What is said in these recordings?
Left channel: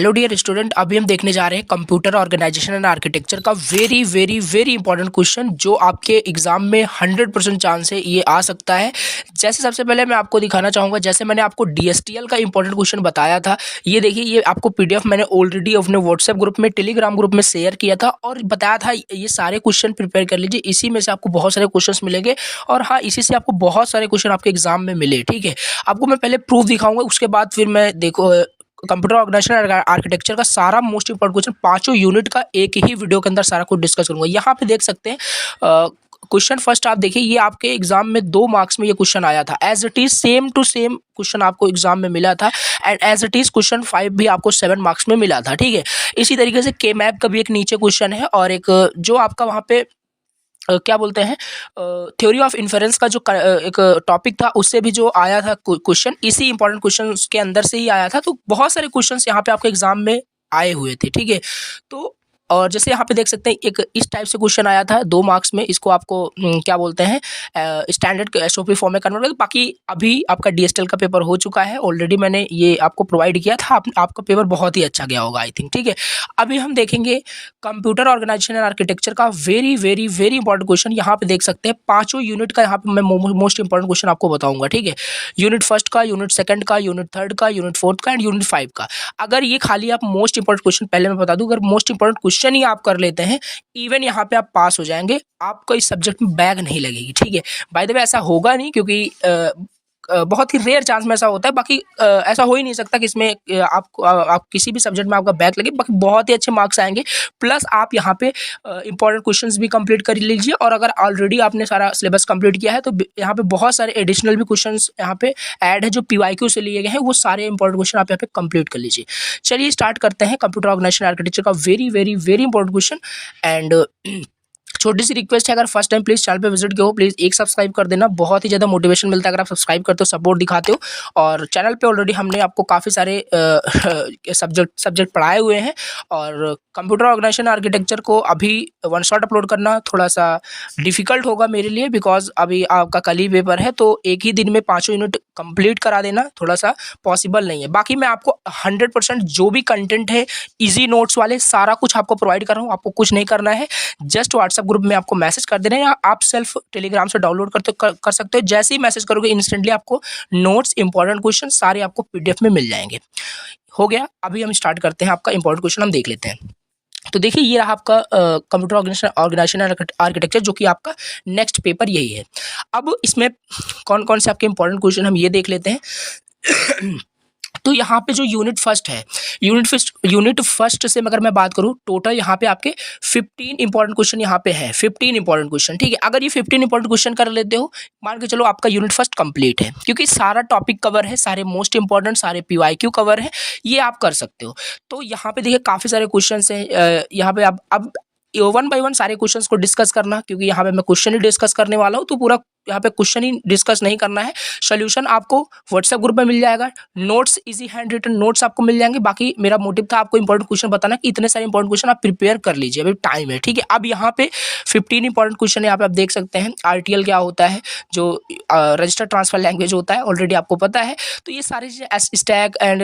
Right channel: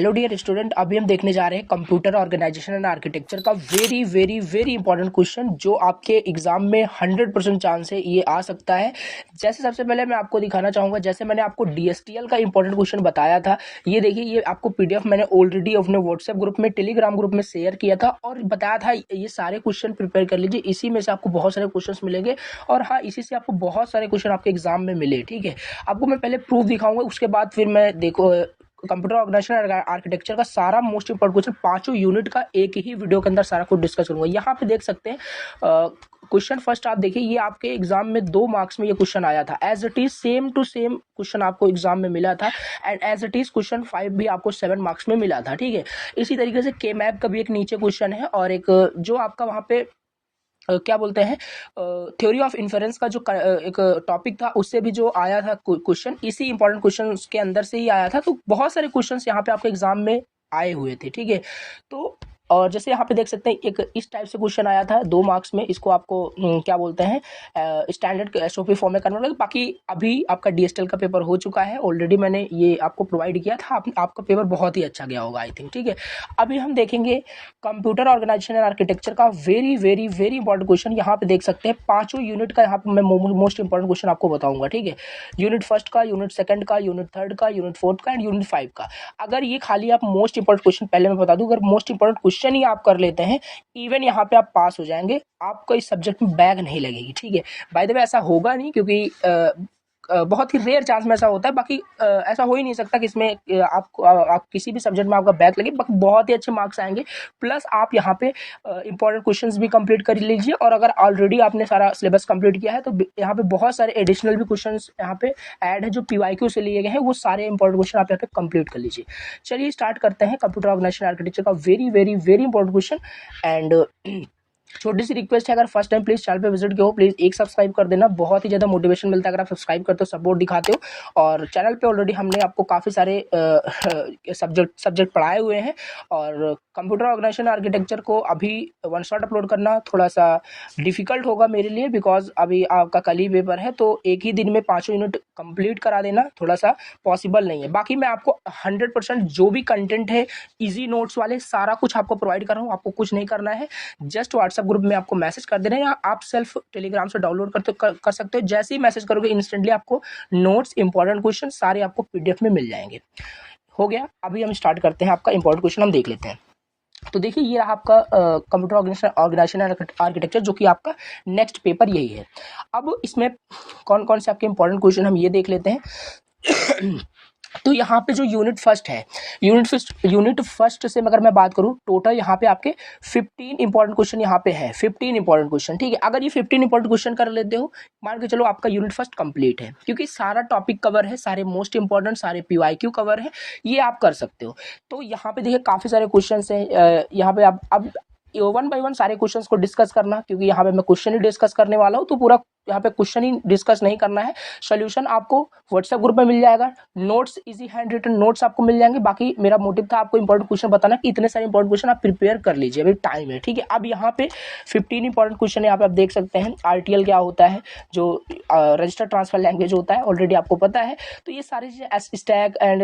Hello dear student, अभी हम देखने जा रहे हैं कंप्यूटर ऑर्गेनाइजेशन एंड आर्किटेक्चर का very very very important question जो आपके एग्जाम में 100% चांस है ये आ सकता है। जैसे सबसे पहले मैं आपको दिखाना चाहूँगा, जैसे मैंने आपको डीएसटीएल का इंपॉर्टेंट क्वेश्चन बताया था, ये देखिए, ये आपको पीडीएफ मैंने ऑलरेडी अपने व्हाट्सएप ग्रुप में, टेलीग्राम ग्रुप में शेयर किया था और बताया था ये सारे क्वेश्चन प्रिपेयर कर लीजिए, इसी में से आपको बहुत सारे क्वेश्चन मिलेंगे और हाँ, इसी से आपको बहुत सारे क्वेश्चन आपके एग्जाम में मिले। ठीक है, आपको मैं पहले प्रूफ दिखाऊंगा, उसके बाद फिर मैं देखो कंप्यूटर ऑर्गेनाइजेशन और आर्किटेक्चर का सारा मोस्ट इंपॉर्टेंट क्वेश्चन पांचों यूनिट का एक ही वीडियो के अंदर सारा कुछ डिस्कस करूंगा। यहाँ पे देख सकते हैं क्वेश्चन फर्स्ट आप देखिए, ये आपके एग्जाम में 2 मार्क्स में ये क्वेश्चन आया था। As it is same to same question आपको एग्जाम में मिला था and as it is question 5 भी आपको 7 मार्क्स में मिला था। ठीक है, इसी तरीके से के मैप का भी एक नीचे क्वेश्चन है और एक जो आपका वहाँ पे क्या बोलते हैं, थ्योरी ऑफ इन्फरेंस का जो एक टॉपिक था उससे भी जो आया था क्वेश्चन, इसी इंपॉर्टेंट क्वेश्चन उसके अंदर से ही आया था। तो बहुत सारे क्वेश्चंस यहाँ पे आपके एग्जाम में आए हुए थे। ठीक है, तो और जैसे यहाँ पे देख सकते हैं एक इस टाइप से क्वेश्चन आया था 2 मार्क्स में, इसको आपको क्या बोलते हैं, स्टैंडर्ड एसओपी फॉर्म में कन्वर्ट कर। बाकी अभी आपका डीएसटीएल का पेपर हो चुका है, ऑलरेडी मैंने ये आपको प्रोवाइड किया था, आपका पेपर बहुत ही अच्छा गया होगा आई थिंक। ठीक है, अभी हम देखेंगे कंप्यूटर ऑर्गेनाइजेशन एंड आर्किटेक्चर का very very very important question. यहाँ पे देख सकते हैं पांचों यूनिट का यहाँ पे मैं मोस्ट इंपॉर्टेंट क्वेश्चन आपको बताऊंगा। ठीक है, यूनिट फर्स्ट का, यूनिट सेकंड का, यूनिट थर्ड का, यूनिट फोर्थ का एंड यूनिट 5 का। अगर ये खाली आप मोस्ट इंपॉर्टेंट क्वेश्चन, पहले मैं बता दूं, अगर मोस्ट इंपॉर्टेंट क्वेश्चन ही आप कर लेते हैं, इवन यहाँ पे आप पास हो जाएंगे, आपको इस सब्जेक्ट में बैग नहीं लगेगी। ठीक है, बाय द वे ऐसा होगा नहीं, क्योंकि बहुत ही रेयर चांस में ऐसा होता है। बाकी ऐसा हो ही नहीं सकता कि इसमें आप किसी भी सब्जेक्ट में आपका बैक लगे। बाकी बहुत ही अच्छे मार्क्स आएंगे, प्लस आप यहाँ पे इंपॉर्टेंट क्वेश्चंस भी कंप्लीट कर लीजिए और अगर ऑलरेडी आपने सारा सिलेबस कंप्लीट किया है तो यहाँ पे बहुत सारे एडिशनल भी क्वेश्चंस यहाँ पे ऐड है जो पीवाईक्यू से लिए गए हैं, वो सारे इंपॉर्टेंट क्वेश्चन आप यहाँ पे कंप्लीट कर लीजिए। चलिए स्टार्ट करते हैं कंप्यूटर ऑर्गेनाइजेशन आर्किटेक्चर का very very very important question. And छोटी सी रिक्वेस्ट है, अगर फर्स्ट टाइम प्लीज़ चैनल पे विजिट किया हो, प्लीज़ एक सब्सक्राइब कर देना, बहुत ही ज़्यादा मोटिवेशन मिलता है अगर आप सब्सक्राइब करते हो, सपोर्ट दिखाते हो। और चैनल पे ऑलरेडी हमने आपको काफ़ी सारे सब्जेक्ट पढ़ाए हुए हैं और कंप्यूटर ऑर्गेनाइजेशन आर्किटेक्चर को अभी वन शॉट अपलोड करना थोड़ा सा डिफिकल्ट होगा मेरे लिए, बिकॉज अभी आपका कल ही पेपर है, तो एक ही दिन में पाँचों यूनिट कंप्लीट करा देना थोड़ा सा पॉसिबल नहीं है। बाकी मैं आपको 100% जो भी कंटेंट है ईजी नोट्स वाले सारा कुछ आपको प्रोवाइड कर रहा हूँ। आपको कुछ नहीं करना है, जस्ट व्हाट्सएप ग्रुप में आपको मैसेज कर देना है या आप सेल्फ टेलीग्राम से डाउनलोड कर सकते हो। जैसे ही मैसेज करोगे इंस्टेंटली आपको नोट्स, इंपॉर्टेंट क्वेश्चन सारे आपको पीडीएफ में मिल जाएंगे। हो गया, अभी हम स्टार्ट करते हैं। आपका इंपॉर्टेंट क्वेश्चन हम देख लेते हैं। तो देखिए, ये रहा आपका कंप्यूटर ऑर्गेनाइजेशन आर्किटेक्चर, जो कि आपका नेक्स्ट पेपर यही है। अब इसमें कौन कौन से आपके इंपॉर्टेंट क्वेश्चन हम ये देख लेते हैं। तो यहाँ पे जो यूनिट फर्स्ट है, यूनिट फर्स्ट से अगर मैं बात करूँ, टोटल यहाँ पे आपके 15 इंपॉर्टेंट क्वेश्चन यहाँ पे है, 15 इंपॉर्टेंट क्वेश्चन। ठीक है, अगर ये 15 इंपॉर्टेंट क्वेश्चन कर लेते हो, मान के चलो आपका यूनिट फर्स्ट कंप्लीट है, क्योंकि सारा टॉपिक कवर है, सारे मोस्ट इंपॉर्टेंट, सारे पीवाईक्यू कवर है, ये आप कर सकते हो। तो यहाँ पे देखिए काफ़ी सारे क्वेश्चन हैं, यहाँ पे अब वन बाय वन सारे क्वेश्चंस को डिस्कस करना, क्योंकि यहाँ पे मैं क्वेश्चन ही डिस्कस करने वाला हूँ, तो पूरा यहाँ पे क्वेश्चन ही डिस्कस नहीं करना है। सोल्यूशन आपको व्हाट्सएप ग्रुप में मिल जाएगा, notes, easy hand written notes आपको मिल जाएंगे। बाकी मेरा मोटिव था आपको इंपॉर्टेंट क्वेश्चन बताना कि इतने सारे इंपॉर्टेंट क्वेश्चन आप प्रिपेयर कर लीजिए, अभी टाइम है। ठीक है, अब यहाँ पे 15 इंपॉर्टेंट क्वेश्चन यहाँ पे आप देख सकते हैं। आरटीएल क्या होता है, जो रजिस्टर ट्रांसफर लैंग्वेज होता है, ऑलरेडी आपको पता है। तो ये सारी चीज़ें, स्टैक एंड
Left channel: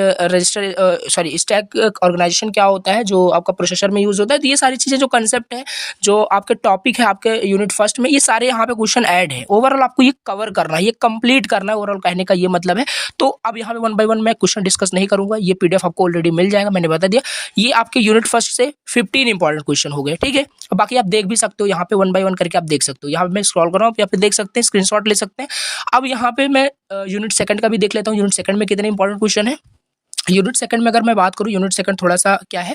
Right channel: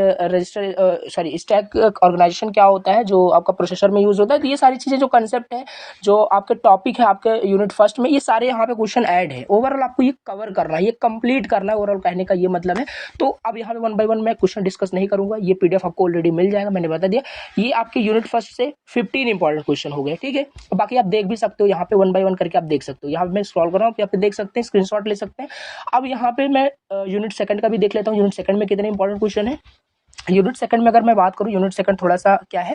स्टैक ऑर्गेनाइजेशन क्या होता है, जो आपका प्रोसेसर में यूज होता है। तो ये सारी चीज़ें जो कंसेप्ट है, जो आपके टॉपिक है आपके यूनिट फर्स्ट में, ये सारे यहाँ पे क्वेश्चन ऐड है। ओवरऑल आपको ये कवर करना है, ये कंप्लीट करना है, ओवरऑल कहने का ये मतलब है। तो अब यहाँ पे वन बाय वन मैं क्वेश्चन डिस्कस नहीं करूंगा, ये पीडीएफ आपको ऑलरेडी मिल जाएगा, मैंने बता दिया। ये आपके यूनिट फर्स्ट से 15 इंपॉर्टेंट क्वेश्चन हो गए। ठीक है, बाकी आप देख भी सकते हो, यहाँ पे वन बाय वन करके आप देख सकते हो। यहाँ पे मैं स्क्रॉल कर रहा हूँ, यहाँ पे देख सकते हैं, स्क्रीनशॉट ले सकते हैं। अब यहाँ पे मैं यूनिट सेकंड का भी देख लेता हूँ, यूनिट सेकंड में कितने इंपॉर्टेंट क्वेश्चन है। यूनिट सेकंड में अगर मैं बात करूँ, यूनिट सेकंड थोड़ा सा क्या है,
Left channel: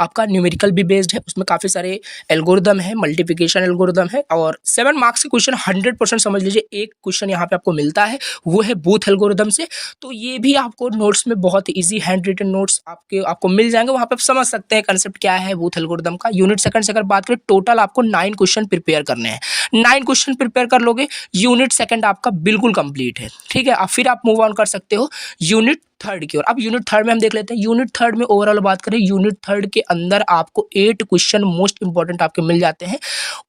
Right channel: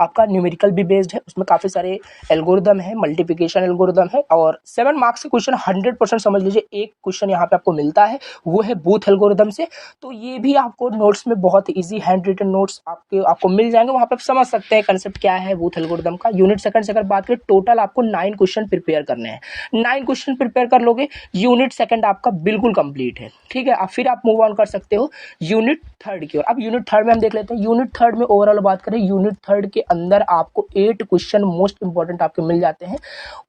आपका न्यूमेरिकल भी बेस्ड है, उसमें काफ़ी सारे एल्गोरिदम है, मल्टीप्लिकेशन एल्गोरिदम है और 7 मार्क्स के क्वेश्चन 100% समझ लीजिए। एक क्वेश्चन यहाँ पे आपको मिलता है, वो है बूथ एल्गोरिदम से। तो ये भी आपको नोट्स में बहुत ईजी हैंड रिटन नोट्स आपको मिल जाएंगे, वहाँ पर आप समझ सकते हैं कंसेप्ट क्या है बूथ एल्गोरिदम का। यूनिट सेकंड से अगर बात करें, टोटल आपको 9 क्वेश्चन प्रिपेयर करने हैं। 9 क्वेश्चन प्रिपेयर कर लोगे, यूनिट सेकंड आपका बिल्कुल कंप्लीट है। ठीक है, अब फिर आप मूव ऑन कर सकते हो यूनिट थर्ड की ओर। अब यूनिट थर्ड में हम देख लेते हैं। यूनिट थर्ड में ओवरऑल बात करें, यूनिट थर्ड के अंदर आपको 8 क्वेश्चन मोस्ट इंपॉर्टेंट आपके मिल जाते हैं।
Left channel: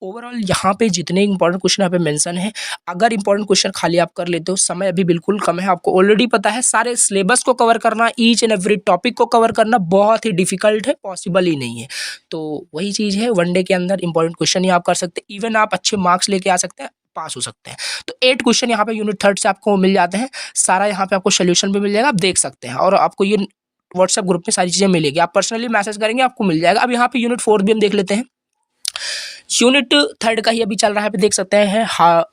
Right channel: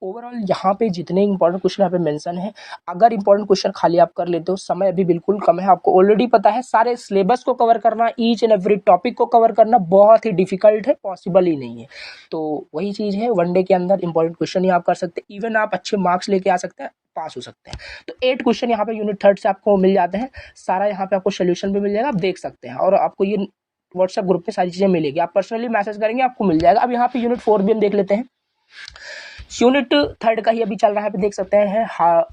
ओवरऑल यहाँ पे जितने इंपॉर्टेंट क्वेश्चन यहाँ पे मेंशन है, अगर इंपॉर्टेंट क्वेश्चन खाली आप कर लेते हो, समय अभी बिल्कुल कम है, आपको ऑलरेडी पता है सारे सिलेबस को कवर करना, ईच एंड एवरी टॉपिक को कवर करना बहुत ही डिफिकल्ट है, पॉसिबल ही नहीं है। तो वही चीज़ है, वनडे के अंदर इंपॉर्टेंट क्वेश्चन ही आप कर सकते हैं, इवन आप अच्छे मार्क्स लेके आ सकते हैं, पास हो सकते हैं। तो 8 क्वेश्चन यहाँ पे यूनिट थर्ड से आपको मिल जाते हैं, सारा यहाँ पे आपको सोल्यूशन भी मिल जाएगा, आप देख सकते हैं, और आपको ये व्हाट्सएप ग्रुप में सारी चीज़ें मिलेगी, आप पर्सनली मैसेज करेंगे आपको मिल जाएगा। अब यहाँ पे यूनिट फोर्थ भी हम देख लेते हैं। यूनिट थर्ड का ही अभी चल रहा है, देख सकते हैं। हाँ,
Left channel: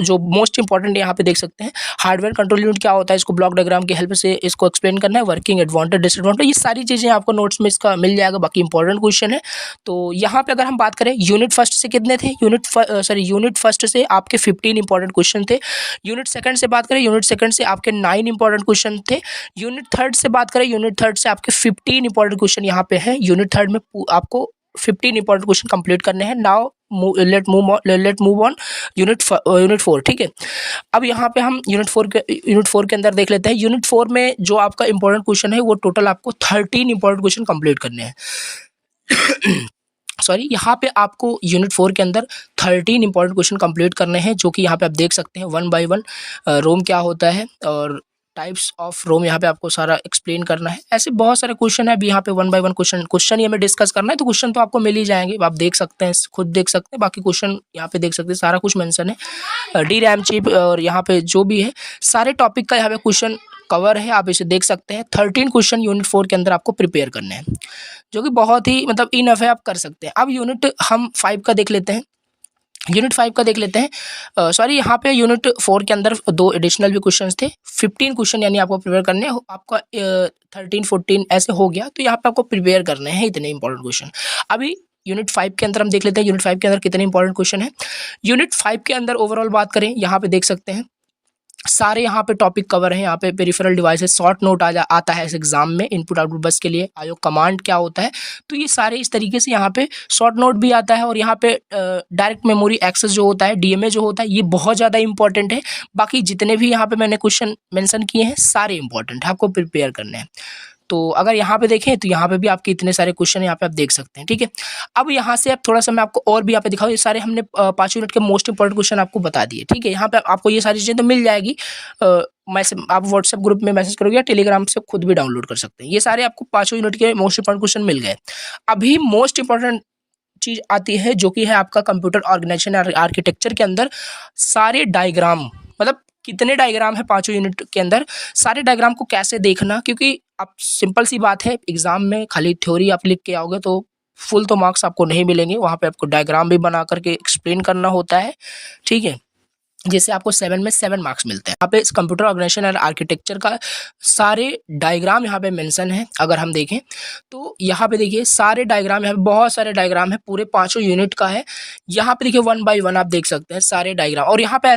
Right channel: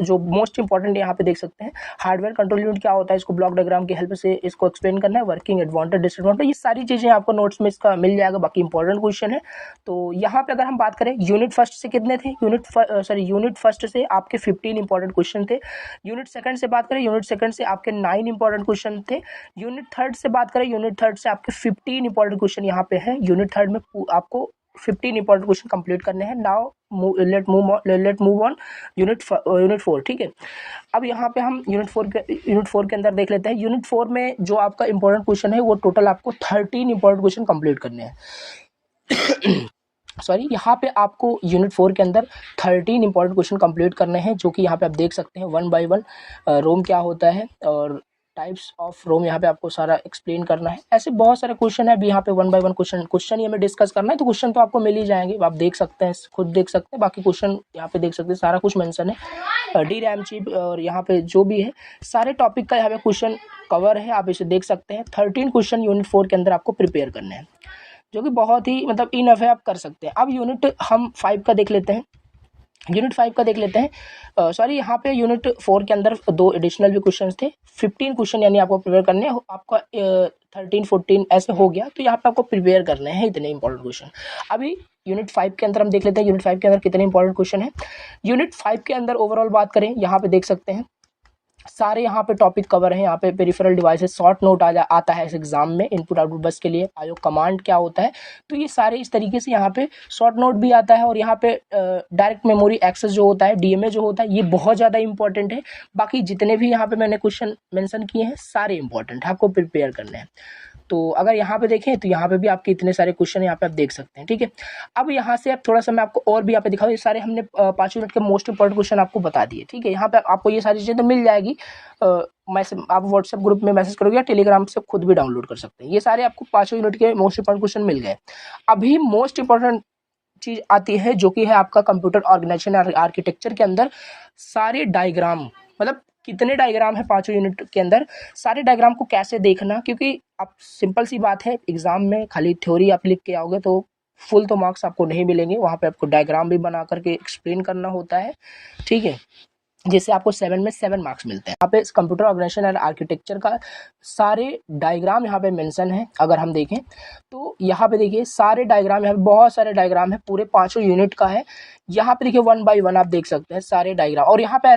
जो मोस्ट इंपॉर्टेंट यहाँ पे देख सकते हैं, हार्डवेयर कंट्रोल यूनिट क्या होता है, इसको ब्लॉक डायग्राम की हेल्प से इसको एक्सप्लेन करना है, वर्किंग एडवांटेज डिसएडवांटेज, ये सारी चीज़ें आपको नोट्स में इसका मिल जाएगा, बाकी इंपॉर्टेंट क्वेश्चन है। तो यहाँ पे अगर हम बात करें यूनिट फर्स्ट से कितने थे, यूनिट फर्स्ट से आपके 15 इंपॉर्टेंट क्वेश्चन थे। यूनिट सेकंड से बात करें, यूनिट सेकंड से आपके 9 इंपॉर्टेंट क्वेश्चन थे। यूनिट थर्ड से बात करें, यूनिट थर्ड से आपके 15 इंपॉर्टेंट क्वेश्चन यहाँ पे हैं। यूनिट थर्ड में आपको 15 इंपॉर्टेंट क्वेश्चन कंप्लीट करने हैं। Now let move on unit 4, ठीक है। अब यहाँ पे हम यूनिट फोर के अंदर देख लेते हैं। यूनिट 4 में जो आपका इंपॉर्टेंट क्वेश्चन है, वो टोटल आपको 13 इंपॉर्टेंट क्वेश्चन कंप्लीट करने हैं। सॉरी, यहाँ पे आपको यूनिट 4 के अंदर 13 इंपॉर्टेंट क्वेश्चन कंप्लीट करने हैं, जो कि यहाँ पे आप देख सकते हैं 1 बाय 1 रोम क्या होता है और टाइप्स ऑफ रोम यहाँ पे आपको सारा एक्सप्लेन करना है। ऐसे बहुत सारे क्वेश्चन है, अभी यहाँ पे 1 बाय 1 क्वेश्चन ही हमें डिस्कस करना है। तो क्वेश्चन तो आपको मिल ही जाएंगे, आप देख सकते हैं, खुद देख सकते हैं, बाकी क्वेश्चन यहाँ पे देख सकते हैं, सारा कुछ मेंशन है। डी रैम चिप और यहाँ पे जो भी है सारे टॉपिक का यहाँ पे क्वेश्चन कवर है, आप इसे देख सकते हैं। 13 क्वेश्चन यूनिट 4 के अंदर आपको प्रिपेयर करने हैं, जो कि बहुत ही मतलब इनफ है, आप कर सकते हैं। अब यूनिट हम 5 का देख लेते हैं। यूनिट 5 का देख लेते हैं। सॉरी, यहाँ पे यूनिट 4 के अंदर 2 एडिशनल भी क्वेश्चंस थे। 15 क्वेश्चन यानी आपको प्रिपेयर करने हैं, आपका 13 14 ऐसे हो गया, तो यहाँ पे आपको प्रिपेयर करने हैं इतने इंपॉर्टेंट क्वेश्चन। अभी यूनिट 5 के अंदर हम देख लेते हैं, यूनिट 5 के अंदर कितने इंपॉर्टेंट क्वेश्चन है। यूनिट 5 के अंदर ओवरऑल बात करें, यहाँ पे देख सकते हैं सारे यहाँ पे टॉपिक कवर है। यहाँ पे पेरिफेरल डिवाइसेस शॉर्ट नोट आता है इस एग्जाम में, इनपुट आउटपुट बस के लिए आयोग कमांड क्या होता है, तो ये सारे इस तरीके से यहाँ पे शॉर्ट नोट भी आता है। और यहाँ पे डायरेक्ट मेमोरी एक्सेस जो होता है, डीएमए जो होता है, ये बहुत ज़्यादा इंपॉर्टेंट है। बाकी जितने भी यहाँ पे मैंने क्वेश्चन मेंशन किए हैं सारे इंपॉर्टेंट है, आपको प्रिपेयर करने हैं। तो अगर यहाँ पे देखें तो यहाँ पे भी आपके इतने सारे क्वेश्चन यहाँ पे आप देख सकते हैं, ठीक है। अब यहाँ से आप थोड़ा सा मैं आपको और भी यहाँ पे दिखाऊँ, ये सारे हमने 5 यूनिट के मोस्ट इंपॉर्टेंट क्वेश्चन आपको बता दिए, ठीक है। यहाँ पे आपको ये सारी चीज़ें तो मिल जाएगी, आप व्हाट्सएप ग्रुप में मैसेज करोगे या टेलीग्राम से खुद भी डाउनलोड कर सकते हैं। ये सारे आपको 5 यूनिट के मोस्ट इंपॉर्टेंट क्वेश्चन मिल गए। अभी मोस्ट इंपॉर्टेंट चीज़ आती है, जो कि है आपका कंप्यूटर ऑर्गेनाइजेशन आर्किटेक्चर के अंदर सारे डायग्राम, मतलब कितने डायग्राम है 5 यूनिट के अंदर, सारे डायग्राम को कैसे देखना, क्योंकि अब सिंपल सी बात है, एग्जाम में खाली थ्योरी आप लिख के आओगे तो फुल तो मार्क्स आपको नहीं मिलेंगे, वहाँ पे आपको डायग्राम भी बना करके एक्सप्लेन करना होता है, ठीक है। जैसे आपको 7 में 7 मार्क्स मिलते हैं। यहाँ पे कंप्यूटर ऑर्गेनाइजेशन एंड आर्किटेक्चर का सारे डायग्राम यहाँ पे मेंशन है। अगर हम देखें तो यहाँ पे देखिए सारे डायग्राम, यहाँ पे बहुत सारे डायग्राम है, पूरे 5 यूनिट का है। यहाँ पे देखिए 1 बाय 1 आप देख सकते हैं सारे डायग्राम। और यहाँ पे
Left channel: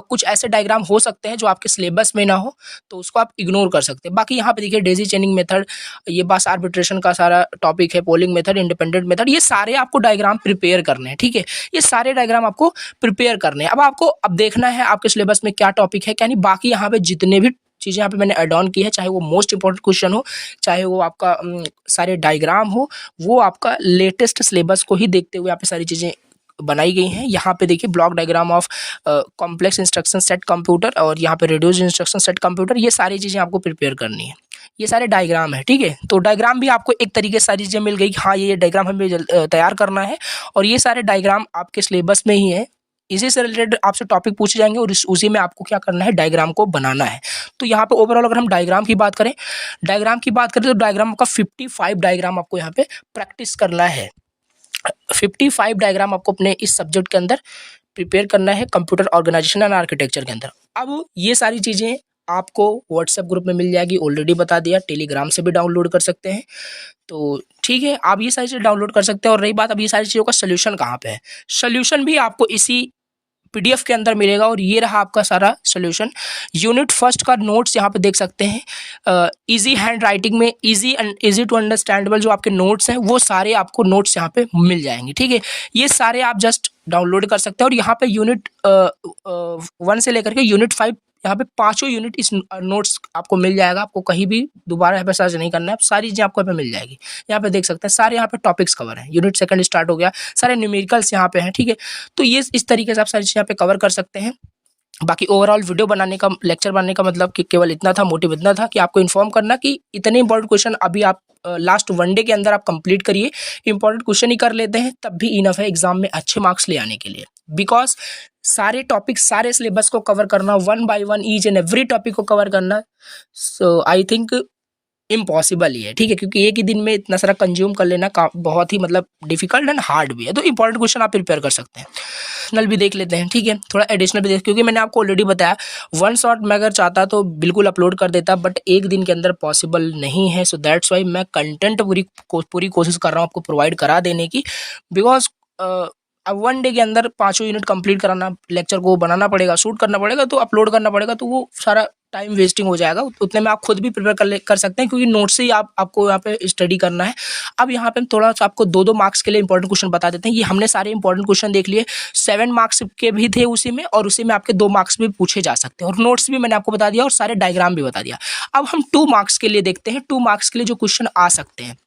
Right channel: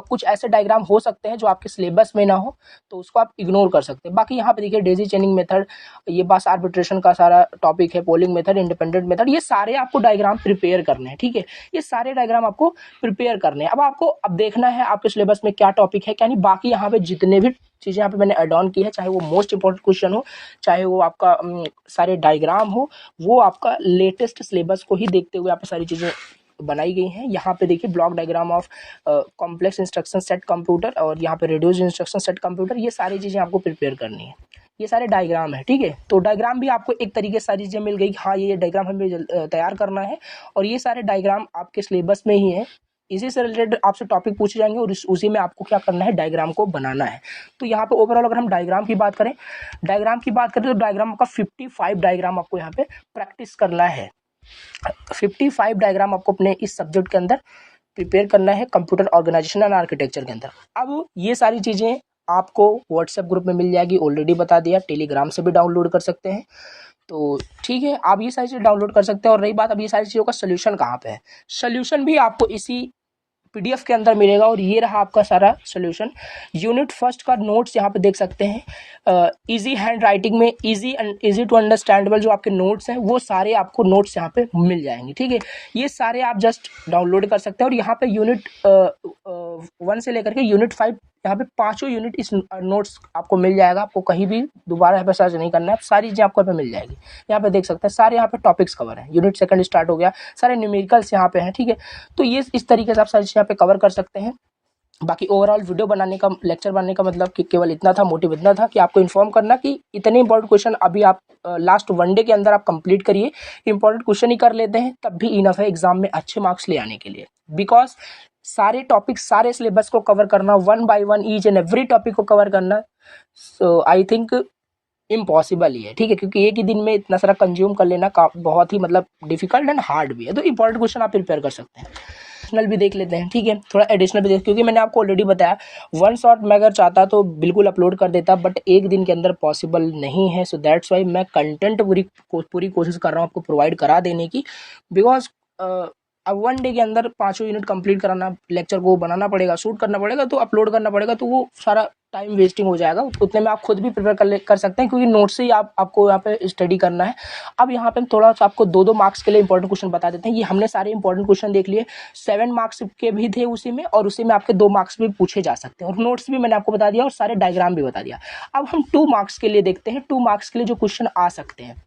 कुछ ऐसे डायग्राम हो सकते हैं जो आपके सिलेबस में ना हो, तो उसको आप इग्नोर कर सकते हैं। बाकी यहाँ पे देखिए डेजी चेनिंग मेथड, ये बस आर्बिट्रेशन का सारा टॉपिक है, पोलिंग मेथड, इंडिपेंडेंट मेथड, ये सारे आपको डायग्राम प्रिपेयर करने हैं, ठीक है। ये सारे डायग्राम आपको प्रिपेयर करने हैं। अब आपको देखना है आपके सिलेबस में क्या टॉपिक है क्या नहीं। बाकी यहाँ पे जितने भी चीज़ें यहाँ पे मैंने ऐड ऑन की है, चाहे वो मोस्ट इंपॉर्टेंट क्वेश्चन हो, चाहे वो आपका सारे डायग्राम हो, वो आपका लेटेस्ट सिलेबस को ही देखते हुए यहाँ पे सारी चीज़ें बनाई गई हैं। यहाँ पे देखिए block diagram of complex instruction set computer, और यहाँ पे रिड्यूस इंस्ट्रक्शन सेट कंप्यूटर, ये सारी चीज़ें आपको प्रिपेयर करनी है। ये सारे डायग्राम है, ठीक है। तो डायग्राम भी आपको एक तरीके से सारी चीज़ें मिल गई, हाँ ये डायग्राम हमें तैयार करना है, और ये सारे डायग्राम आपके सिलेबस में ही है। इसी से रिलेटेड आपसे टॉपिक पूछे जाएंगे और उसी में आपको क्या करना है, डायग्राम को बनाना है। तो यहाँ पे ओवरऑल अगर हम डायग्राम की बात करें तो डायग्राम का 55 डायग्राम आपको यहाँ पे प्रैक्टिस करना है। 55 डायग्राम आपको अपने इस सब्जेक्ट के अंदर प्रिपेयर करना है, कंप्यूटर ऑर्गेनाइजेशन एंड आर्किटेक्चर के अंदर। अब ये सारी चीज़ें आपको व्हाट्सएप ग्रुप में मिल जाएगी, ऑलरेडी बता दिया, टेलीग्राम से भी डाउनलोड कर सकते हैं। तो ठीक है, आप ये सारी चीज़ें डाउनलोड कर सकते हैं। और रही बात अब ये सारी चीज़ों का सोल्यूशन कहाँ पे है, सोल्यूशन भी आपको इसी पीडीएफ के अंदर मिलेगा। और ये रहा आपका सारा सोल्यूशन। यूनिट फर्स्ट का नोट्स यहाँ पे देख सकते हैं, इजी हैंड राइटिंग में, easy and easy to understandable जो आपके नोट्स हैं, वो सारे आपको नोट्स यहाँ पे मिल जाएंगे, ठीक है। ये सारे आप जस्ट डाउनलोड कर सकते हैं। और यहाँ पे यूनिट 1 से लेकर के यूनिट 5 यहाँ पे पाँचों यूनिट इस नोट्स आपको मिल जाएगा, आपको कहीं भी दोबारा यहाँ पे सर्च नहीं करना है, सारी चीज़ें आपको यहाँ पे मिल जाएगी। यहाँ पे देख सकते हैं सारे यहाँ पे टॉपिक्स कवर हैं, यूनिट सेकंड स्टार्ट हो गया, सारे न्यूमेरिकल्स यहाँ पे हैं, ठीक है। तो ये इस तरीके से आप सारी चीज़ें यहाँ पे कवर कर सकते हैं। बाकी ओवरऑल वीडियो बनाने का, लेक्चर बनाने का मतलब कि केवल इतना था, मोटिव इतना था कि आपको इन्फॉर्म करना कि इतने इंपॉर्टेंट क्वेश्चन अभी आप लास्ट 1 डे के अंदर आप कंप्लीट करिए, इंपॉर्टेंट क्वेश्चन ही कर लेते हैं तब भी इनफ है एग्जाम में अच्छे मार्क्स ले आने के लिए। बिकॉज सारे टॉपिक, सारे सिलेबस को कवर करना, 1 by 1 each and every topic को कवर करना, सो आई थिंक इम्पॉसिबल ही है, ठीक है, क्योंकि एक ही दिन में इतना सारा कंज्यूम कर लेना का बहुत ही मतलब डिफिकल्ट एंड हार्ड भी है। तो इंपॉर्टेंट क्वेश्चन आप प्रिपेयर कर सकते हैं। एडिशनल भी देख लेते हैं, ठीक है, थोड़ा एडिशनल भी देख, क्योंकि मैंने आपको ऑलरेडी बताया 1 शॉट मैं अगर चाहता तो बिल्कुल अपलोड कर देता, बट एक दिन के अंदर पॉसिबल नहीं है। सो दैट्स वाई मैं कंटेंट पूरी कोशिश कर रहा हूँ आपको प्रोवाइड करा देने की। बिकॉज अब 1 डे के अंदर 5 यूनिट कंप्लीट कराना, लेक्चर को बनाना पड़ेगा, शूट करना पड़ेगा, तो अपलोड करना पड़ेगा, तो वो सारा टाइम वेस्टिंग हो जाएगा। उतने में आप खुद भी प्रिपेयर कर सकते हैं, क्योंकि नोट से ही आपको यहाँ पे स्टडी करना है। अब यहाँ पे हम थोड़ा सा आपको 2-2 मार्क्स के लिए इंपॉर्टेंट क्वेश्चन बता देते हैं। ये हमने सारे इंपॉर्टेंट क्वेश्चन देख लिए, 7 मार्क्स के भी थे उसी में, और उसी में आपके 2 मार्क्स भी पूछे जा सकते हैं, और नोट्स भी मैंने आपको बता दिया और सारे डायग्राम भी बता दिया। अब हम 2 मार्क्स के लिए देखते हैं, 2 मार्क्स के लिए जो क्वेश्चन आ सकते हैं।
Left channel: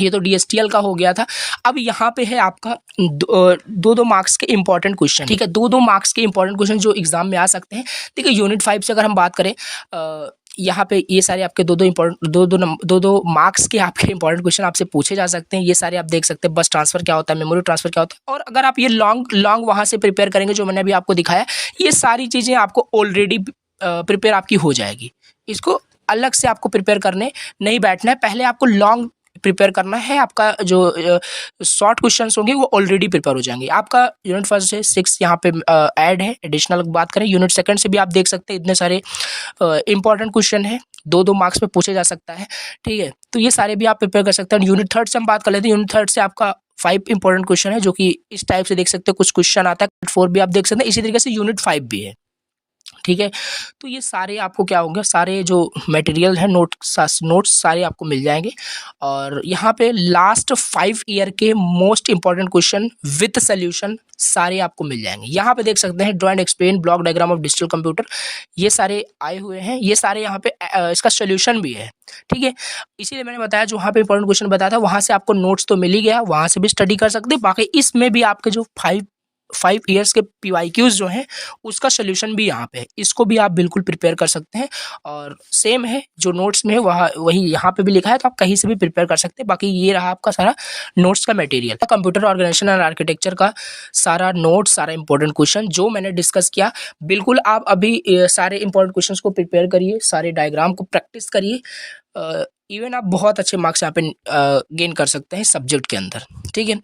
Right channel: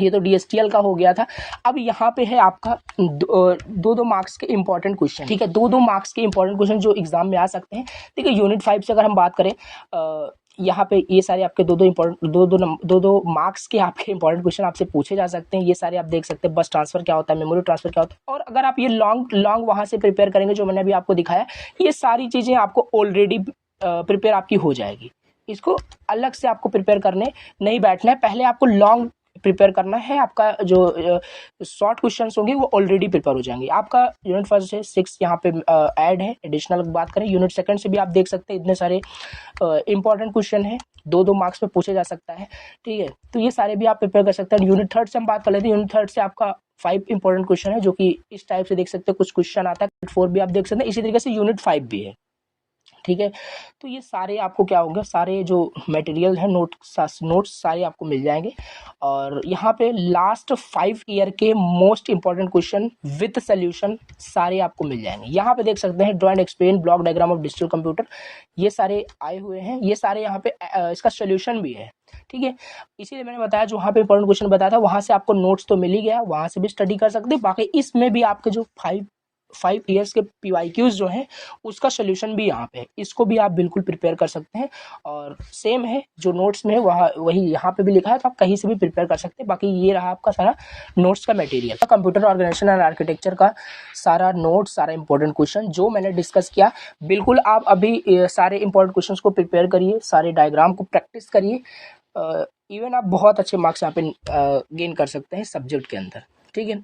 ये तो DSTL का हो गया था। अब यहाँ पे है आपका 2-2 मार्क्स के इंपॉर्टेंट क्वेश्चन, ठीक है, 2-2 मार्क्स के इंपॉर्टेंट क्वेश्चन जो एग्जाम में आ सकते हैं। देखिए यूनिट 5 से अगर हम बात करें, यहाँ पे ये सारे आपके 2-2 मार्क्स के आपके इंपॉर्टेंट क्वेश्चन आपसे पूछे जा सकते हैं। ये सारे आप देख सकते हैं, बस ट्रांसफर क्या होता है, मेमोरी ट्रांसफर क्या होता है, और अगर आप ये लॉन्ग वहाँ से प्रिपेयर करेंगे जो मैंने अभी आपको दिखाया, ये सारी चीज़ें आपको ऑलरेडी प्रिपेयर आपकी हो जाएगी। इसको अलग से आपको प्रिपेयर करने नहीं बैठना है, पहले आपको लॉन्ग प्रिपेयर करना है। आपका जो शॉर्ट क्वेश्चंस होंगे वो ऑलरेडी प्रिपेयर हो जाएंगे। आपका यूनिट 1 से 6 यहाँ पे ऐड है। एडिशनल बात करें यूनिट 2 से भी आप देख सकते हैं, इतने सारे इंपॉर्टेंट क्वेश्चन है, 2-2 मार्क्स पे पूछे जा सकता है, ठीक है। तो ये सारे भी आप प्रिपेयर कर सकते हैं। यूनिट 3 से हम बात कर लेते हैं। यूनिट 3 से आपका 5 इंपॉर्टेंट क्वेश्चन है, जो कि इस टाइप से देख सकते हैं, कुछ क्वेश्चन आता है। 4 भी आप देख सकते हैं, इसी तरीके से यूनिट 5 भी है, ठीक है। तो ये सारे आपको क्या होंगे, सारे जो मटेरियल है, नोट्स सारे आपको मिल जाएंगे। और यहाँ पे लास्ट 5 ईयर के most important question with solution सारे आपको मिल जाएंगे। यहाँ पे देख सकते हैं draw and explain block diagram of digital computer, ये सारे आए हुए हैं। ये सारे यहाँ पे इसका सोल्यूशन भी है, ठीक है। इसीलिए मैंने बताया जो वहाँ पे इंपॉर्टेंट क्वेश्चन बताया था, वहाँ से आपको नोट्स तो मिल ही गया, वहाँ से भी स्टडी कर सकते हैं। बाकी इसमें भी आपके जो 5 ईयर्स के PYQs जो हैं उसका सोल्यूशन भी यहाँ पे है, इसको भी आप बिल्कुल प्रिपेयर कर सकते हैं। और सेम है जो नोट्स में है वही यहाँ पे भी लिखा है, तो आप कहीं से भी प्रिपेयर कर सकते हैं। बाकी ये रहा आपका सारा नोट्स का material, computer organization and architecture का सारा नोट्स, सारा इंपॉर्टेंट क्वेश्चन जो मैंने डिस्कस किया। बिल्कुल आप अभी सारे इंपॉर्टेंट क्वेश्चन को प्रिपेयर करिए, सारे डायग्राम को प्रैक्टिस करिए, इवन आप बहुत अच्छे मार्क्स यहाँ पे गेन कर सकते हैं सब्जेक्ट के अंदर, ठीक है।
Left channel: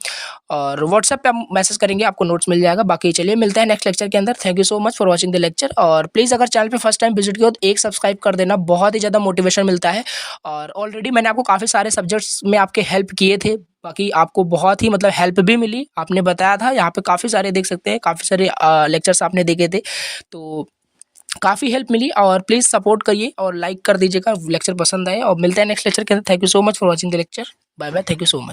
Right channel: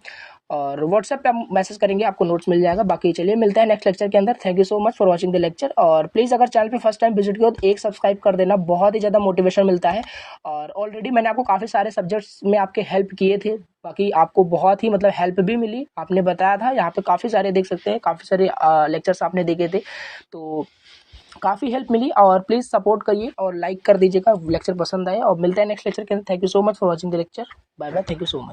और व्हाट्सएप पे आप मैसेज करेंगे, आपको नोट्स मिल जाएगा। बाकी चलिए मिलते हैं नेक्स्ट लेक्चर के अंदर। Thank you so much for watching the lecture. और प्लीज़ अगर चैनल पे फर्स्ट टाइम विजिट किया तो एक सब्सक्राइब कर देना, बहुत ही ज़्यादा मोटिवेशन मिलता है। और ऑलरेडी मैंने आपको काफ़ी सारे सब्जेक्ट्स में आपके हेल्प किए थे, बाकी आपको बहुत ही मतलब हेल्प भी मिली। आपने बताया था, यहाँ पे काफ़ी सारे देख सकते हैं, काफ़ी सारे लेक्चर्स आपने देखे थे, तो काफ़ी हेल्प मिली। और प्लीज़ सपोर्ट करिए और लाइक कर दीजिएगा लेक्चर पसंद आए। और मिलते हैं नेक्स्ट लेक्चर के अंदर। Thank you so much for watching the lecture. Bye bye, thank you so much.